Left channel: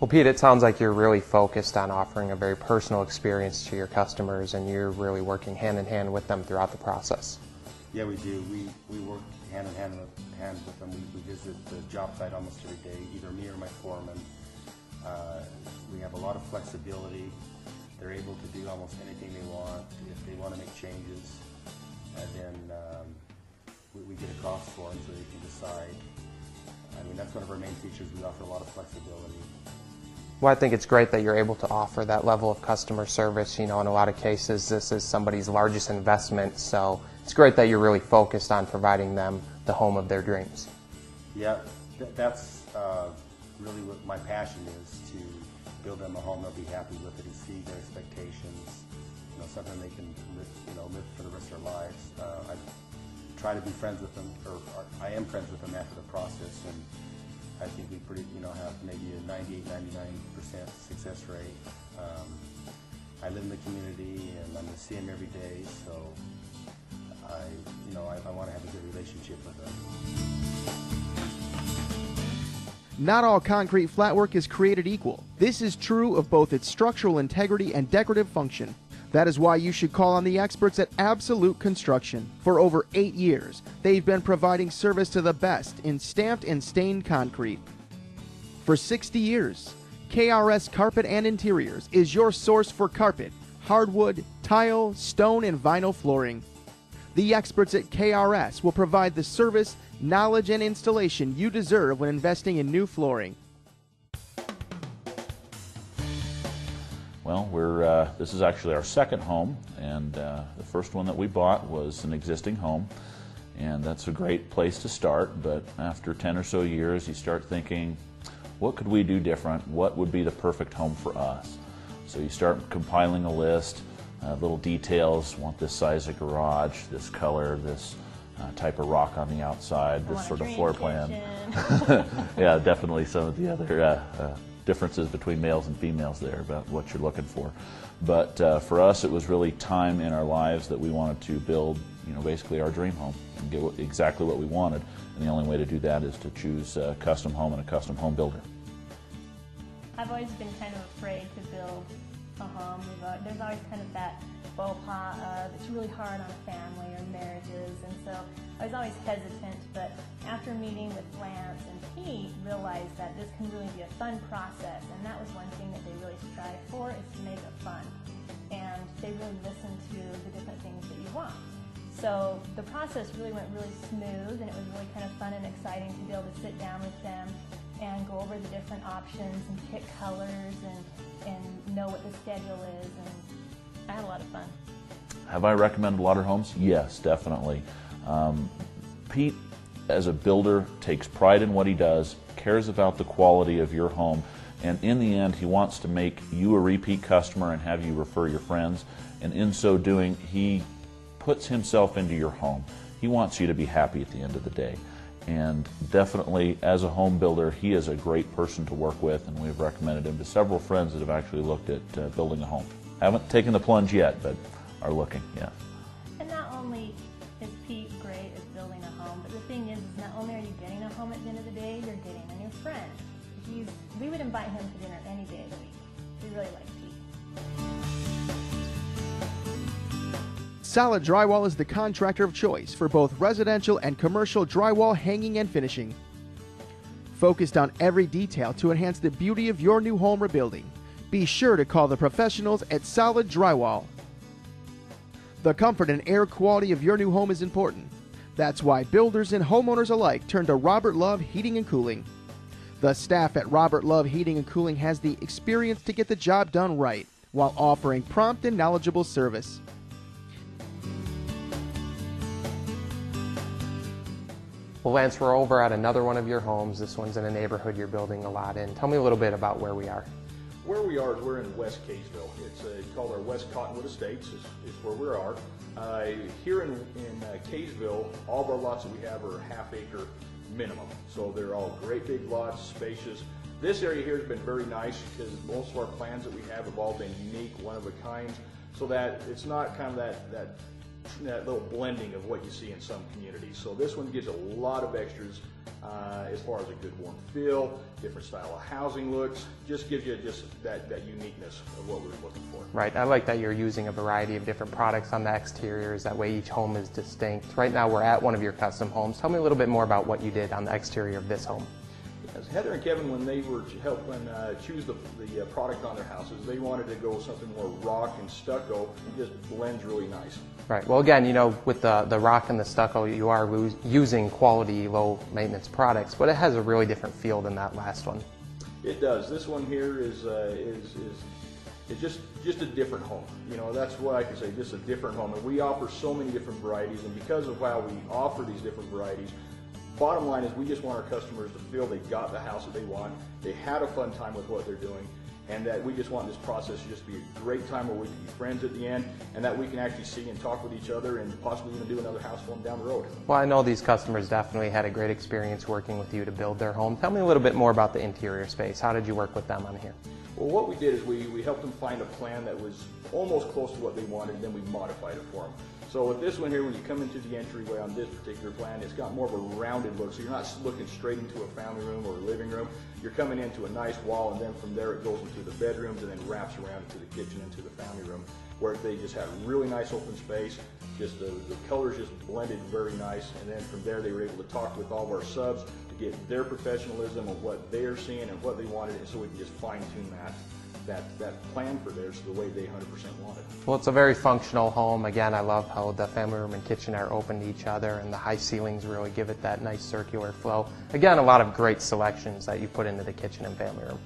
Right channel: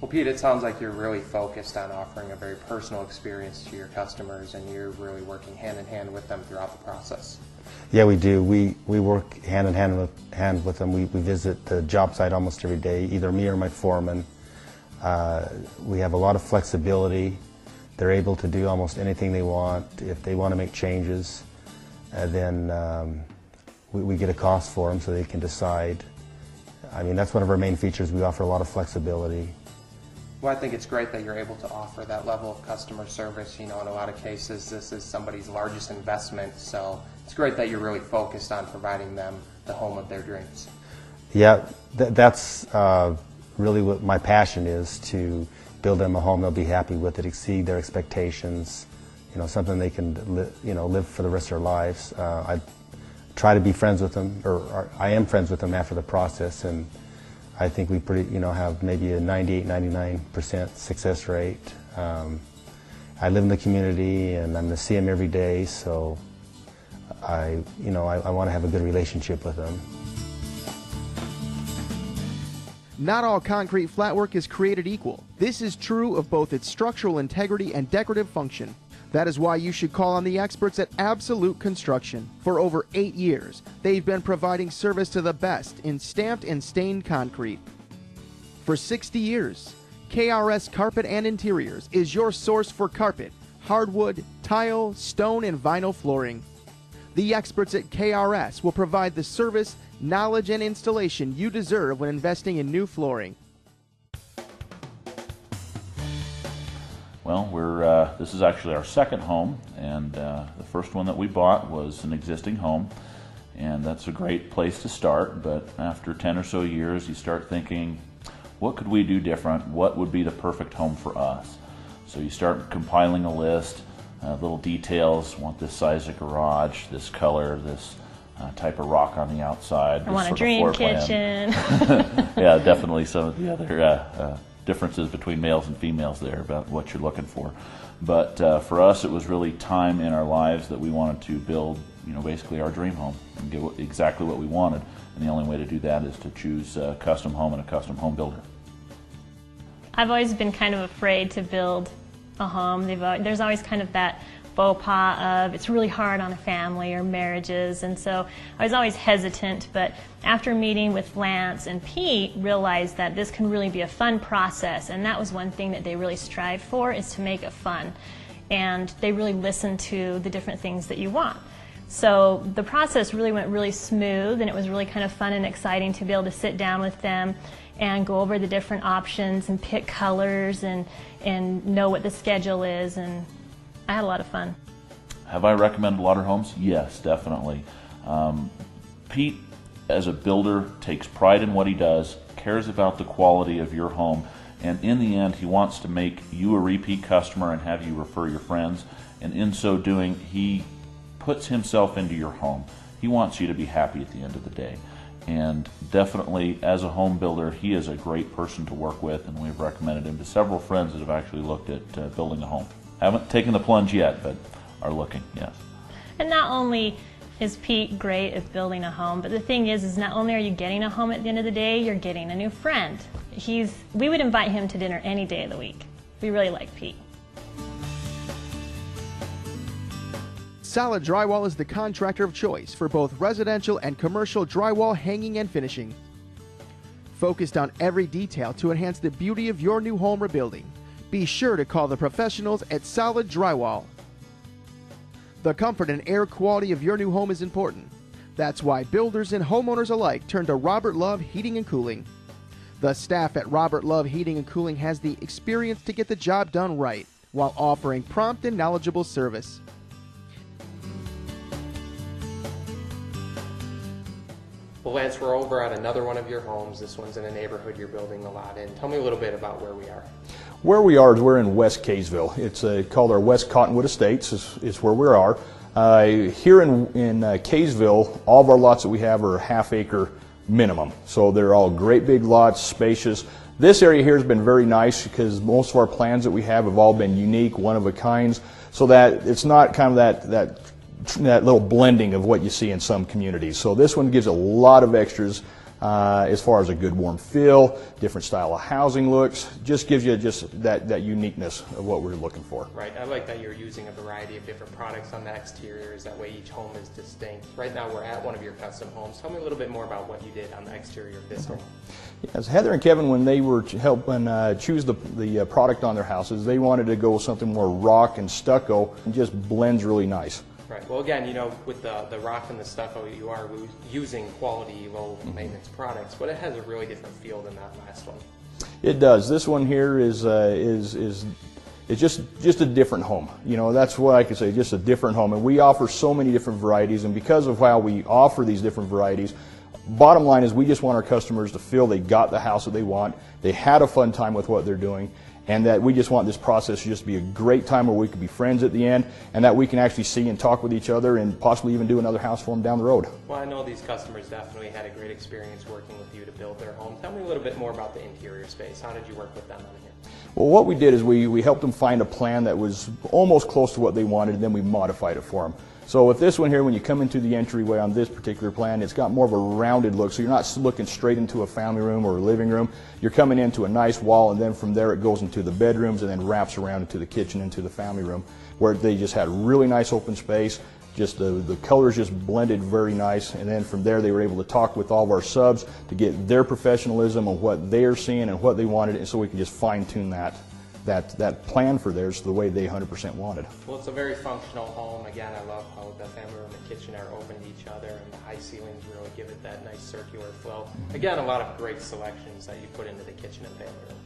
Well, Pete, it sounds like you're really focused on offering a very personal experience to your customers, and you're really working hand in hand with them throughout the process. Yeah, we do. We work hand in hand with them. We visit the job site almost every day, either me or my foreman. We have a lot of flexibility. They're able to do almost anything they want. If they want to make changes, then we get a cost for them so they can decide. I mean, that's one of our main features. We offer a lot of flexibility. Well, I think it's great that you're able to offer that level of customer service. You know, in a lot of cases, this is somebody's largest investment, so it's great that you're really focused on providing them the home of their dreams. Yeah, that's really what my passion is, to build them a home they'll be happy with, it exceed their expectations, you know, something they can live for the rest of their lives. I try to be friends with them, or I am friends with them after the process, and I think we have maybe a 98–99% success rate. I live in the community and I'm going to see them every day, so I want to have a good relationship with them. Not all concrete flatwork is created equal. This is true of both its structural integrity and decorative function. That is why you should call on the experts at Absolute Construction. For over 8 years, they've been providing service to the best in stamped and stained concrete. For 60 years, KRS Carpet and Interiors is your source for carpet, hardwood, tile, stone, and vinyl flooring. The experts at KRS will provide the service, knowledge, and installation you deserve when investing in new flooring. Well, this is actually our second home, and the first one that we bought was an existing home, and that's a great place to start. But after 10 or so years, you start thinking, what could we do different? What would be the perfect home for us? So you start compiling a list, little details. Want this size of garage, this color, this type of rock on the outside. I want a dream kitchen. Yeah, definitely some of the other differences between males and females there about what you're looking for. But for us, it was really time in our lives that we wanted to build, basically our dream home and get exactly what we wanted. And the only way to do that is to choose a custom home and a custom home builder. I've always been kind of afraid to build a home. There's always kind of that faux pas of it's really hard on a family or marriages, and so I was always hesitant. But after meeting with Lance and Pete, realized that this can really be a fun process, and that was one thing that they really strive for, is to make it fun. And they really listen to the different things that you want. So the process really went really smooth, and it was really kind of fun and exciting to be able to sit down with them and go over the different options and pick colors and know what the schedule is, and I had a lot of fun. Have I recommended Lodder Homes? Yes, definitely. Pete, as a builder, takes pride in what he does, cares about the quality of your home, and in the end, he wants to make you a repeat customer and have you refer your friends, and in so doing, he puts himself into your home. He wants you to be happy at the end of the day. And definitely, as a home builder, he is a great person to work with, and we've recommended him to several friends that have actually looked at building a home. Haven't taken the plunge yet, but are looking, yes. And not only is Pete great at building a home, but the thing is not only are you getting a home at the end of the day, you're getting a new friend. We would invite him to dinner any day of the week. We really like Pete. Solid Drywall is the contractor of choice for both residential and commercial drywall hanging and finishing. Focused on every detail to enhance the beauty of your new home or building, be sure to call the professionals at Solid Drywall. The comfort and air quality of your new home is important. That's why builders and homeowners alike turn to Robert Love Heating and Cooling. The staff at Robert Love Heating and Cooling has the experience to get the job done right while offering prompt and knowledgeable service. Well, Lance, we're over at another one of your homes. This one's in a neighborhood you're building a lot in. Tell me a little bit about where we are. Where we are is we're in West Kaysville. It's called our West Cottonwood Estates is where we are. Here in Kaysville, all of our lots that we have are half-acre minimum. So they're all great big lots, spacious. This area here has been very nice because most of our plans that we have all been unique, one-of-a-kinds, so that it's not kind of that little blending of what you see in some communities. So this one gives a lot of extras as far as a good warm feel, different style of housing looks, just gives you just that uniqueness of what we're looking for. Right, I like that you're using a variety of different products on the exteriors, that way each home is distinct. Right now we're at one of your custom homes. Tell me a little bit more about what you did on the exterior of this home. Yes, Heather and Kevin, when they were helping choose the product on their houses, they wanted to go with something more rock and stucco, and just blends really nice. Right. Well, again, you know, with the rock and the stucco, you are using quality, low maintenance products, but it has a really different feel than that last one. It does. This one here is just a different home. You know, that's what I can say, just a different home. And we offer so many different varieties, and because of how we offer these different varieties, bottom line is we just want our customers to feel they got the house that they want, they had a fun time with what they're doing, and that we just want this process to just be a great time where we can be friends at the end, and that we can actually see and talk with each other and possibly even do another house for them down the road. Well, I know these customers definitely had a great experience working with you to build their home. Tell me a little bit more about the interior space. How did you work with them on here? Well, what we did is we helped them find a plan that was almost close to what they wanted, and then we modified it for them. So with this one here, when you come into the entryway on this particular plan, it's got more of a rounded look, so you're not looking straight into a family room or a living room. You're coming into a nice wall, and then from there it goes into the bedrooms and then wraps around into the kitchen, into the family room, where they just had really nice open space. Just the colors just blended very nice, and then from there they were able to talk with all of our subs to get their professionalism of what they're seeing and what they wanted, and so we could just fine-tune that plan for theirs the way they 100% wanted. Well, it's a very functional home. Again, I love how the family room and kitchen are open to each other, and the high ceilings really give it that nice circular flow. Again, a lot of great selections that you put into the kitchen and family room.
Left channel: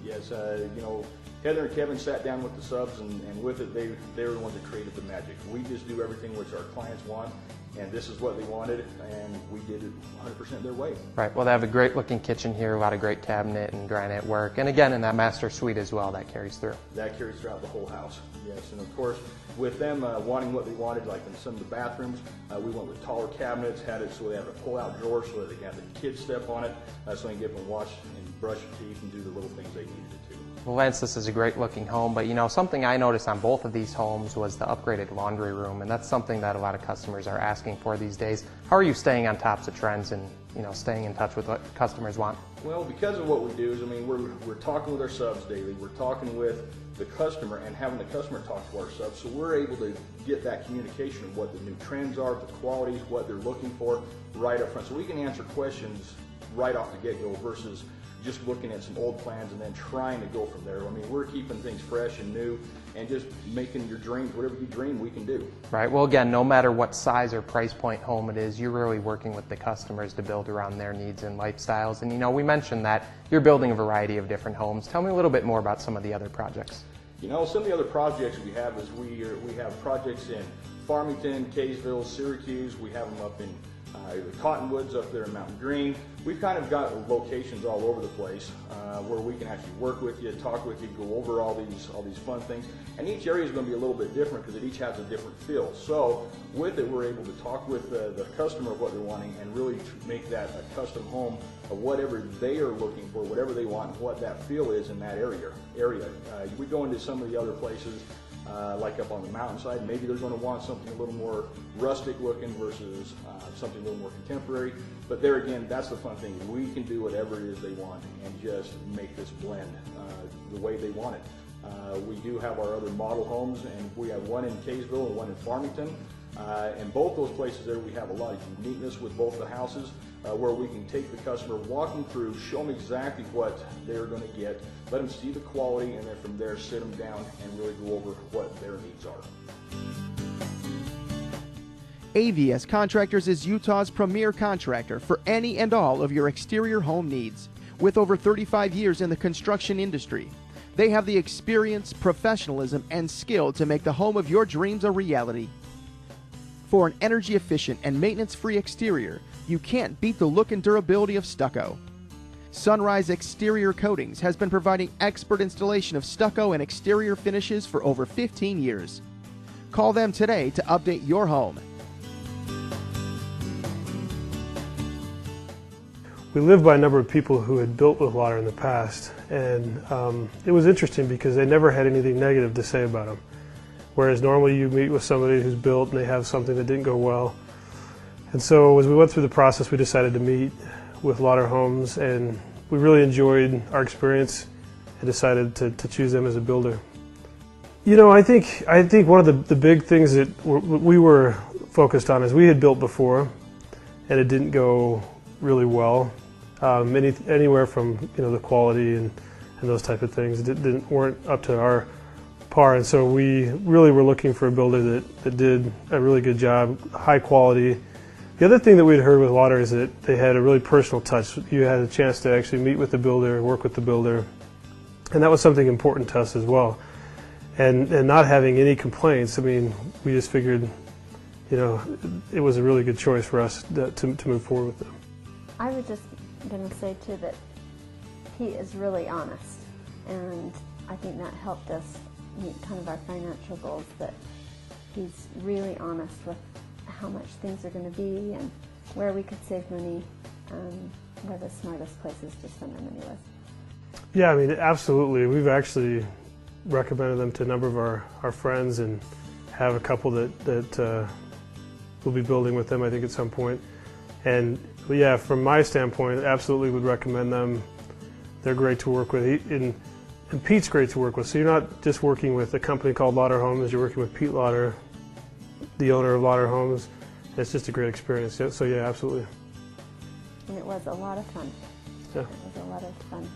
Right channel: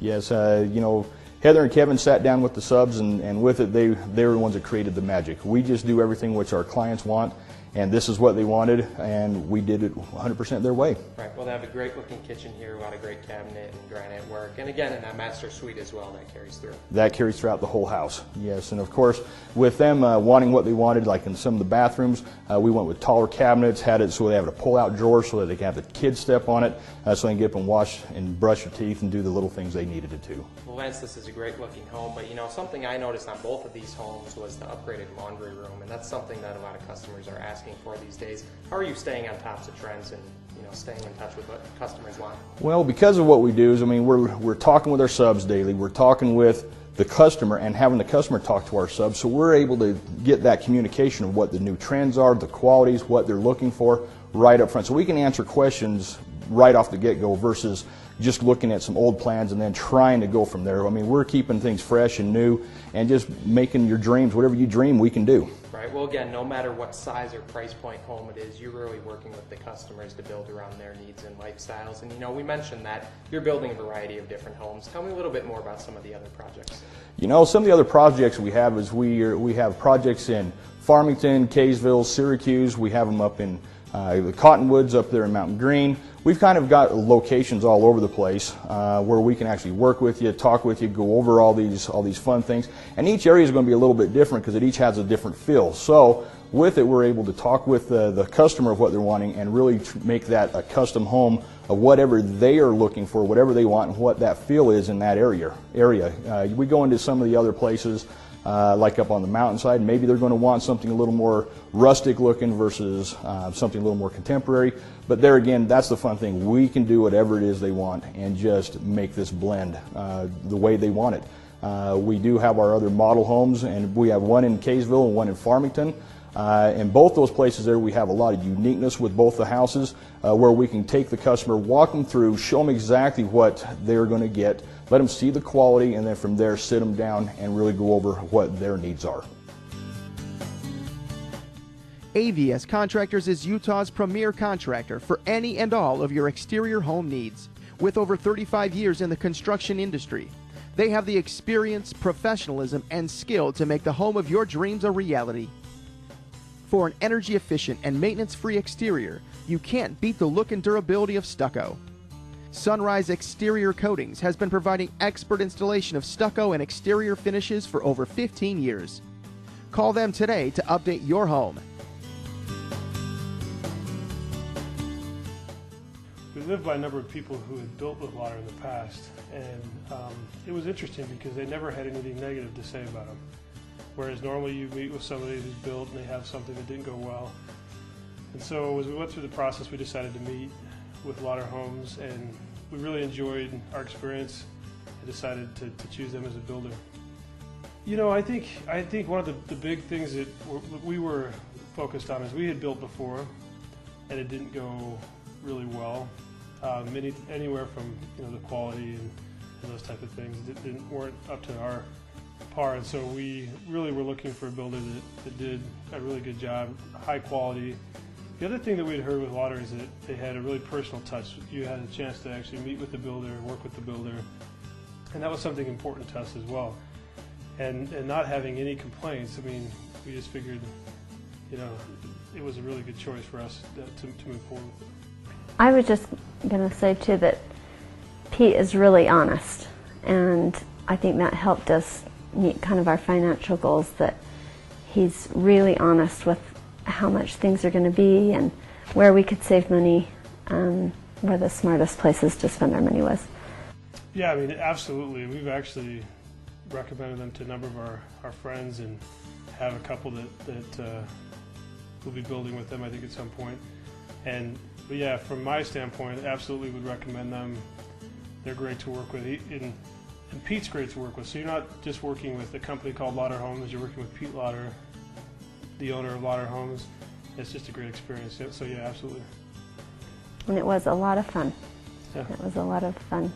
Yes, you know, Heather and Kevin sat down with the subs, and with it, they were the ones that created the magic. We just do everything which our clients want, and this is what they wanted, and we did it 100% their way. Right, well, they have a great looking kitchen here, a lot of great cabinet and granite work, and again, in that master suite as well, that carries through. That carries throughout the whole house, yes, and of course, with them wanting what they wanted, like in some of the bathrooms, we went with taller cabinets, had it so they have a pull-out drawer so that they can have the kids step on it, so they can get up and wash and brush their teeth and do the little things they needed to do. Well, Lance, this is a great looking home, but you know, something I noticed on both of these homes was the upgraded laundry room, and that's something that a lot of customers are asking for these days. How are you staying on top of trends and, you know, staying in touch with what customers want? Well, because of what we do is, I mean, we're talking with our subs daily, we're talking with the customer and having the customer talk to our subs, so we're able to get that communication of what the new trends are, the qualities, what they're looking for right up front. So we can answer questions right off the get-go versus just looking at some old plans and then trying to go from there. I mean, we're keeping things fresh and new and just making your dreams, whatever you dream, we can do. Right, well again, no matter what size or price point home it is, you're really working with the customers to build around their needs and lifestyles. And you know, we mentioned that you're building a variety of different homes. Tell me a little bit more about some of the other projects. You know, some of the other projects we have is we have projects in Farmington, Kaysville, Syracuse. We have them up in the Cottonwoods up there in Mountain Green. We've kind of got locations all over the place where we can actually work with you, talk with you, go over all these fun things. And each area is going to be a little bit different because it each has a different feel. So with it, we're able to talk with the customer of what they're wanting and really make that a custom home of whatever they are looking for, whatever they want, and what that feel is in that area. We go into some of the other places like up on the mountainside, maybe they're going to want something a little more rustic looking versus something a little more contemporary. But there again, that's the fun thing. We can do whatever it is they want and just make this blend the way they want it. We do have our other model homes, and we have one in Kaysville and one in Farmington. In both those places there, we have a lot of uniqueness with both the houses where we can take the customer, walk them through, show them exactly what they're going to get, let them see the quality, and then from there sit them down and really go over what their needs are. AVS Contractors is Utah's premier contractor for any and all of your exterior home needs. With over 35 years in the construction industry, they have the experience, professionalism, and skill to make the home of your dreams a reality. For an energy-efficient and maintenance-free exterior, you can't beat the look and durability of stucco. Sunrise Exterior Coatings has been providing expert installation of stucco and exterior finishes for over 15 years. Call them today to update your home. We lived by a number of people who had built with Lodder in the past, and it was interesting because they never had anything negative to say about them. Whereas normally you meet with somebody who's built and they have something that didn't go well. And so as we went through the process, we decided to meet with Lodder Homes, and we really enjoyed our experience and decided to choose them as a builder. You know, I think one of the big things that we were focused on is we had built before, and it didn't go really well. Anywhere from the quality and those type of things weren't up to our par, and so we really were looking for a builder that did a really good job, high quality. The other thing that we'd heard with Lodder is that they had a really personal touch. You had a chance to actually meet with the builder, work with the builder, and that was something important to us as well. And not having any complaints, I mean, we just figured, it was a really good choice for us to move forward with them. I was just going to say too that Pete is really honest, and I think that helped us meet kind of our financial goals, that he's really honest with how much things are going to be and where we could save money, where the smartest places to spend our money was. Yeah, I mean, absolutely. We've actually recommended them to a number of our friends and have a couple that will be building with them, I think, at some point. And yeah, from my standpoint, absolutely would recommend them. They're great to work with, and Pete's great to work with. So you're not just working with a company called Lodder Homes, you're working with Pete Lodder, the owner of Lodder Homes. It's just a great experience. So yeah, absolutely. And it was a lot of fun. Yeah. It was a lot of fun.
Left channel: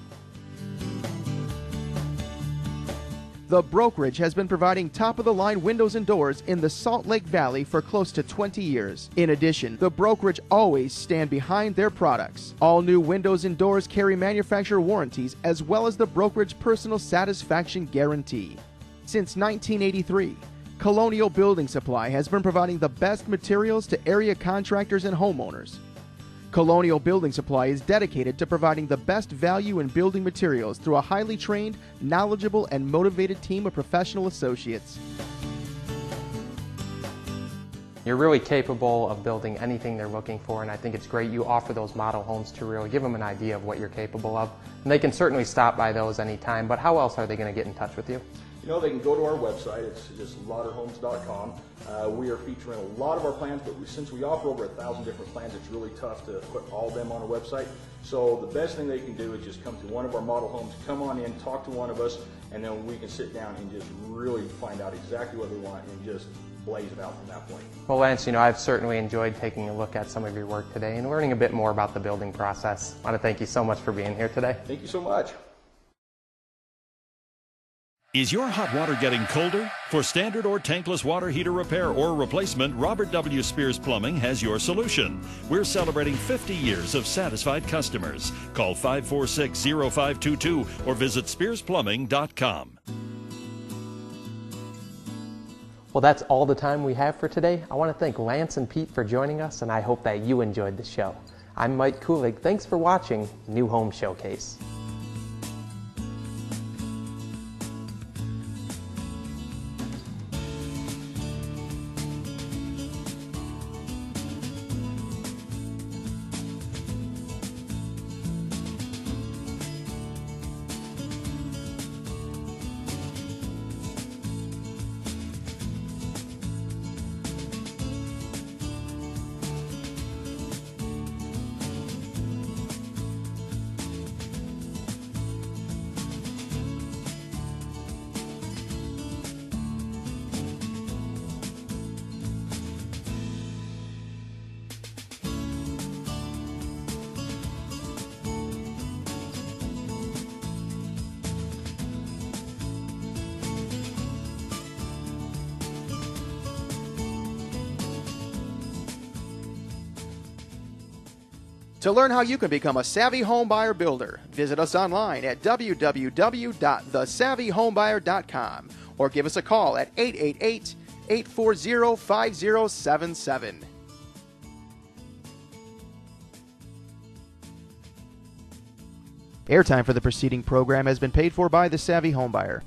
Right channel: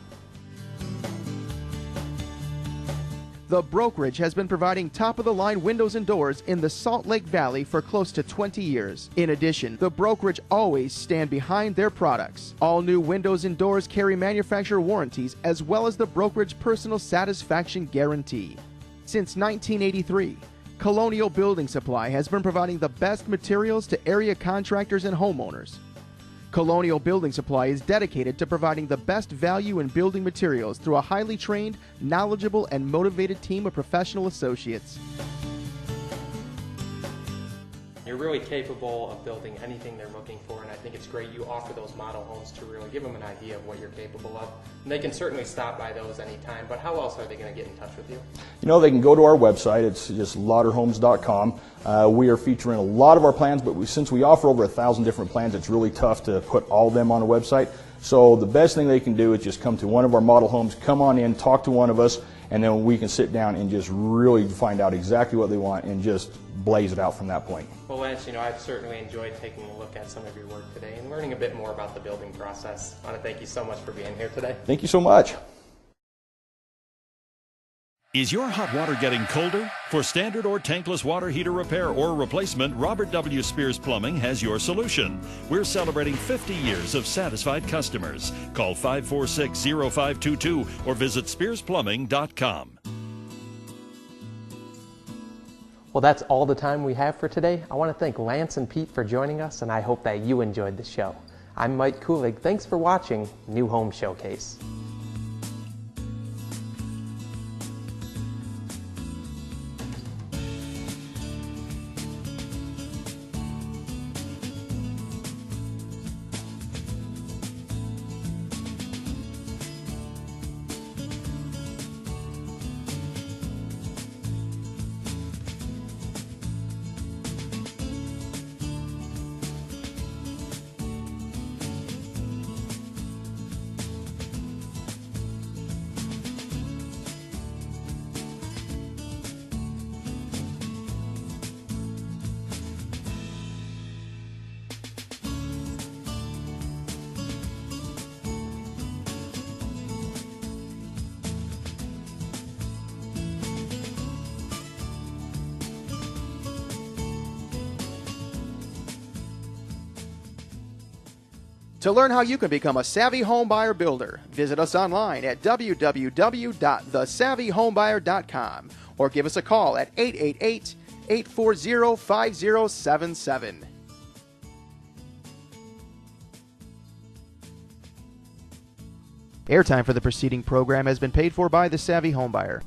The brokerage has been providing top-of-the-line windows and doors in the Salt Lake Valley for close to 20 years. In addition, the brokerage always stand behind their products. All new windows and doors carry manufacturer warranties as well as the brokerage personal satisfaction guarantee. Since 1983, Colonial Building Supply has been providing the best materials to area contractors and homeowners. Colonial Building Supply is dedicated to providing the best value in building materials through a highly trained, knowledgeable, and motivated team of professional associates. You're really capable of building anything they're looking for, and I think it's great you offer those model homes to really give them an idea of what you're capable of. And they can certainly stop by those anytime, but how else are they going to get in touch with you? They can go to our website. It's just lodderhomes.com. We are featuring a lot of our plans, but since we offer over 1,000 different plans, it's really tough to put all of them on a website. So the best thing they can do is just come to one of our model homes, come on in, talk to one of us, and then we can sit down and just really find out exactly what they want and just blaze it out from that point. Well, Lance, I've certainly enjoyed taking a look at some of your work today and learning a bit more about the building process. I want to thank you so much for being here today. Thank you so much. Is your hot water getting colder? For standard or tankless water heater repair or replacement, Robert W. Spears Plumbing has your solution. We're celebrating 50 years of satisfied customers. Call 546-0522 or visit SpearsPlumbing.com. Well, that's all the time we have for today. I want to thank Lance and Pete for joining us, and I hope that you enjoyed the show. I'm Mike Kulig. Thanks for watching New Home Showcase. To learn how you can become a savvy home buyer builder, visit us online at www.thesavvyhomebuyer.com or give us a call at 888-840-5077. Airtime for the preceding program has been paid for by The Savvy Homebuyer.